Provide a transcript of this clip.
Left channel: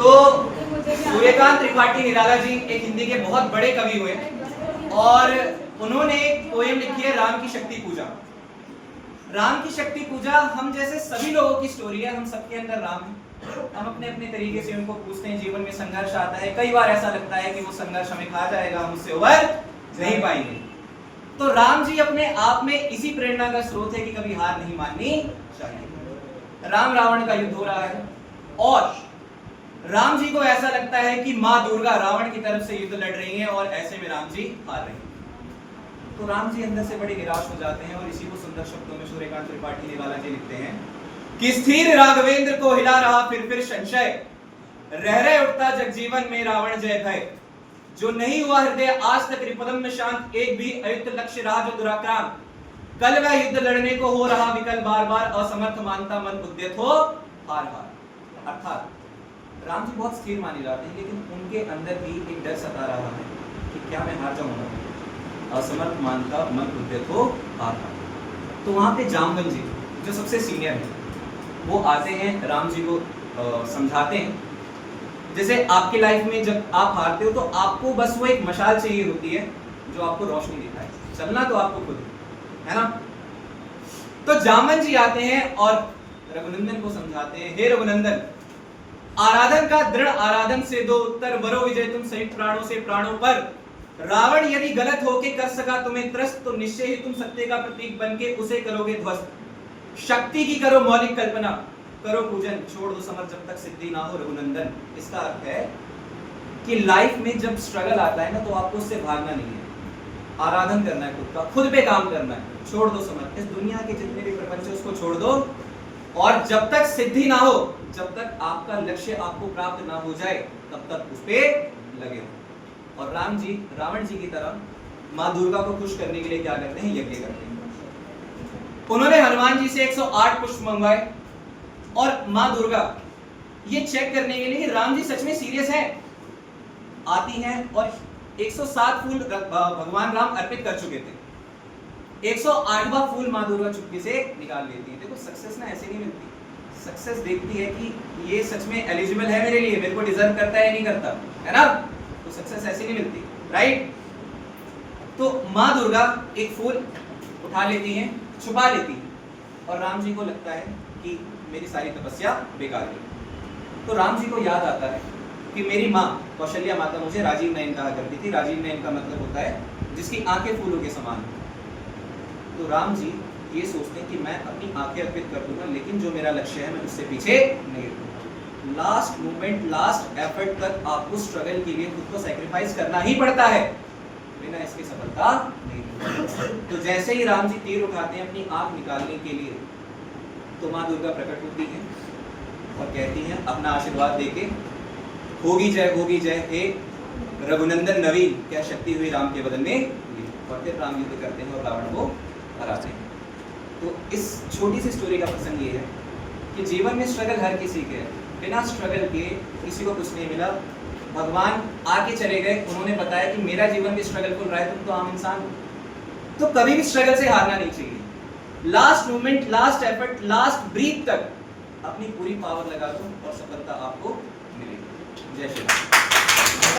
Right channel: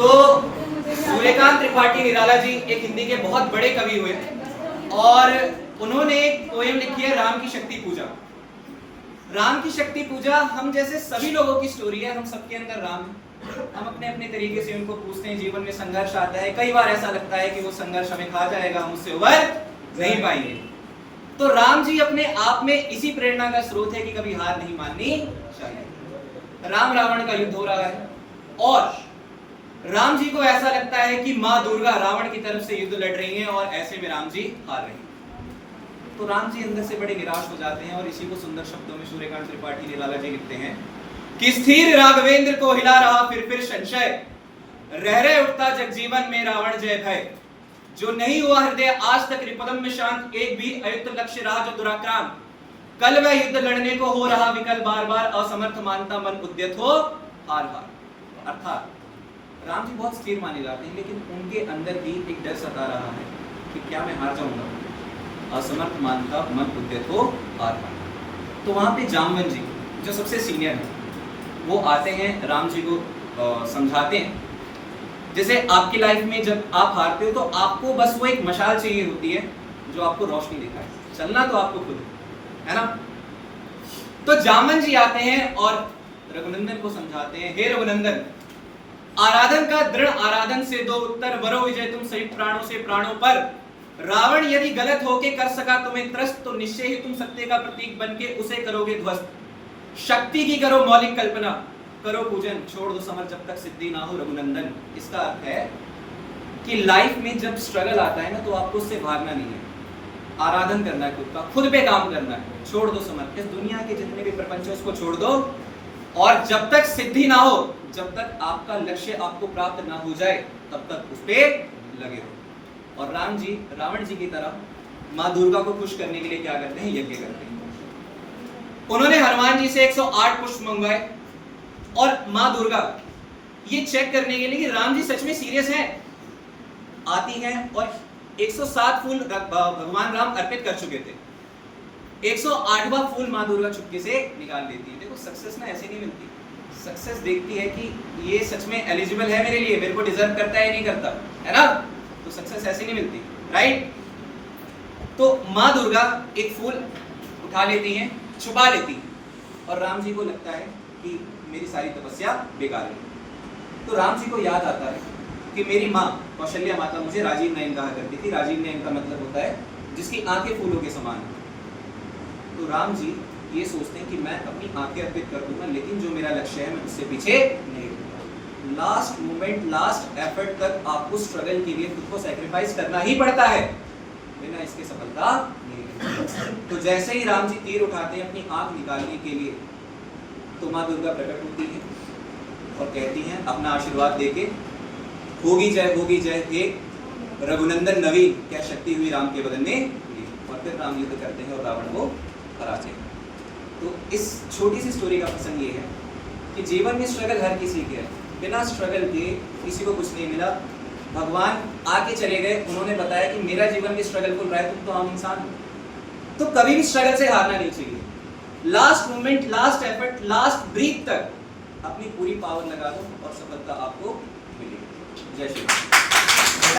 तो सूर्यकांत त्रिपाठी निराला जी एक हिंदी के बहुत बड़े कवि हुए और उन्होंने एक पोएम लिखी है राम की शक्ति पूजा। राम की शक्ति पूजा हम जैसे सभी लोगों की स्टोरी है, हम सबके अंदर राम है, हम अपने अपने तरीके से उनको पूछते हैं। जीवन में संघर्ष आता है, कई बार ऐसा लगता है कि वो संघर्ष हमें खा जाएगा, हम उससे उबर नहीं पाएंगे। तो राम जी अपने आप में इसी प्रेरणा का स्रोत है कि कभी हार नहीं माननी चाहिए। राम रावण का युद्ध हो रहा है और राम जी को ऐसा लगता है कि माँ दुर्गा रावण की तरफ से युद्ध लड़ रही हैं और ऐसे में राम जी हार रहे हैं। तो राम जी अंदर से बड़े निराश हो जाते हैं और इसी को सुंदर शब्दों में सूर्यकांत त्रिपाठी निराला जी लिखते हैं कि स्थिर राघवेंद्र को हिला रहा फिर संशय, रह रहे उठता जगजीवन में रावण जय भय। जो नहीं हुआ हृदय आज तक रिपदम में शांत, एक भी अयुक्त लक्ष्य रहा जो दुराक्रांत। कल वह युद्ध लड़ने को हो रहा विकल, बार बार असमर्थ मानता मन उद्यत हो हार हार। अर्थात राम जी बहुत स्थिर माने जाते हैं, लेकिन उनके अंदर भी एक डर सता रहा है कि क्या मैं हार जाऊंगा। असमर्थ मानता मन उद्यत हो हार हार। तो वहां पे जामवन जी जो सबसे सीनियर है वो आते हैं, राम जी को समझाते हैं। जैसे आपकी लाइफ में जब आप हारते हो तो आपको बस वो एक मशाल चाहिए होती है जो आपको रोशनी दिखाए, चलना तो आपको खुद है ना। तो जामवन जी आते हैं और रघुनंदन को समझाते हैं, हे रघुनंदन, आराधन का दृढ़ आराधन से दो उत्तर, वरो विजय तुम सहित प्राणों से प्राणों पर। रावण यदि गलत होके कर सका तुम्हें त्रस्त, तो निश्चय ही तुम सत्य का प्रतीक बनके उसे करोगे ध्वस्त। शक्ति की करो मौलिक कल्पना, करो पूजन, छोड़ दो समर जब तक सिद्धि ना हो रघुनंदन। इसका अर्थ है कि लाइफ में जब स्ट्रगल आता है ना तो आपको उससे भागना नहीं है, आराधन करना है, खुद का खुद पे काम करना है। छोड़ दो समर, इस दुनिया के जितने भी प्रपंच है उसको छोड़ दो, और जब तक सिद्धि ना हो, जब तक आपका लक्ष्य आपको प्राप्त ना हो जाए तब तक उस पे लगे हो। और राम जी रावण जी की तरह माँ दुर्गा को खुश करने के लिए क्या करते हैं, यज्ञ करते हैं। उन्होंने हनुमान जी से 108 पुष्प मंगवाए और माँ दुर्गा ये चेक करने के लिए कि राम जी सच में सीरियस हैं, आती हैं और 107 फूल भगवान राम अर्पित कर चुके थे। 108वां फूल माँ दुर्गा चुपके से निकाल देती है। देखो सक्सेस ना ऐसे नहीं मिलती, सक्सेस देखती है कि ये सच में एलिजिबल है मेरे लिए, मेरे को डिजर्व करता है या नहीं करता, है ना। तो सक्सेस ऐसे नहीं मिलती, राइट। तो माँ दुर्गा एक फूल उठा लेती हैं, छुपा लेती हैं और राम जी को लगता है कि मेरी सारी तपस्या बेकार है। तो राम जी को याद आता है कि मेरी माँ कौशल्या माता मुझे राजीव नयन कहा करती थी। राजीव नयन का मतलब होता है जिसकी आंखें फूलों के समान है। तो राम जी ये सोचते हैं कि मैं अपनी आंखें अर्पित कर दूंगा, लेकिन जो मेरा लक्ष्य है मैं उससे पीछे नहीं हटूंगा। लास्ट मोमेंट, लास्ट एफर्ट तक आपको स्ट्रगल के लिए खुद को सैक्रिफाइस करना ही पड़ता है, बिना इसके सफलता नहीं। तो जैसे ही राम जी तीर उठाते हैं अपनी आंख निकालने के लिए, तो माँ दुर्गा प्रकट होती है और कहती हैं अपना आशीर्वाद देके, होगी जय हे रघुनंदन नवीन, क्या शक्ति हुई राम के बदन में। और फिर राम युद्ध करते हैं और रावण को हराते हैं। तो इस छोटी सी स्टोरी का प्रसंग ये है कि जीवन में स्ट्रगल हर किसी के है, बिना स्ट्रगल के किसी को कुछ नहीं मिला। भगवान आके चले गए, उन्होंने बताया कि मेरा जीवन भी स्ट्रगलफुल रहा है, तुम तो आम इंसान हो। तो कभी भी स्ट्रगल से हारना नहीं चाहिए। Last moment, last effort, last breath तक अपनी पूरी पावर लगा दो और सफलता आपको मिलेगी। जय श्री राम।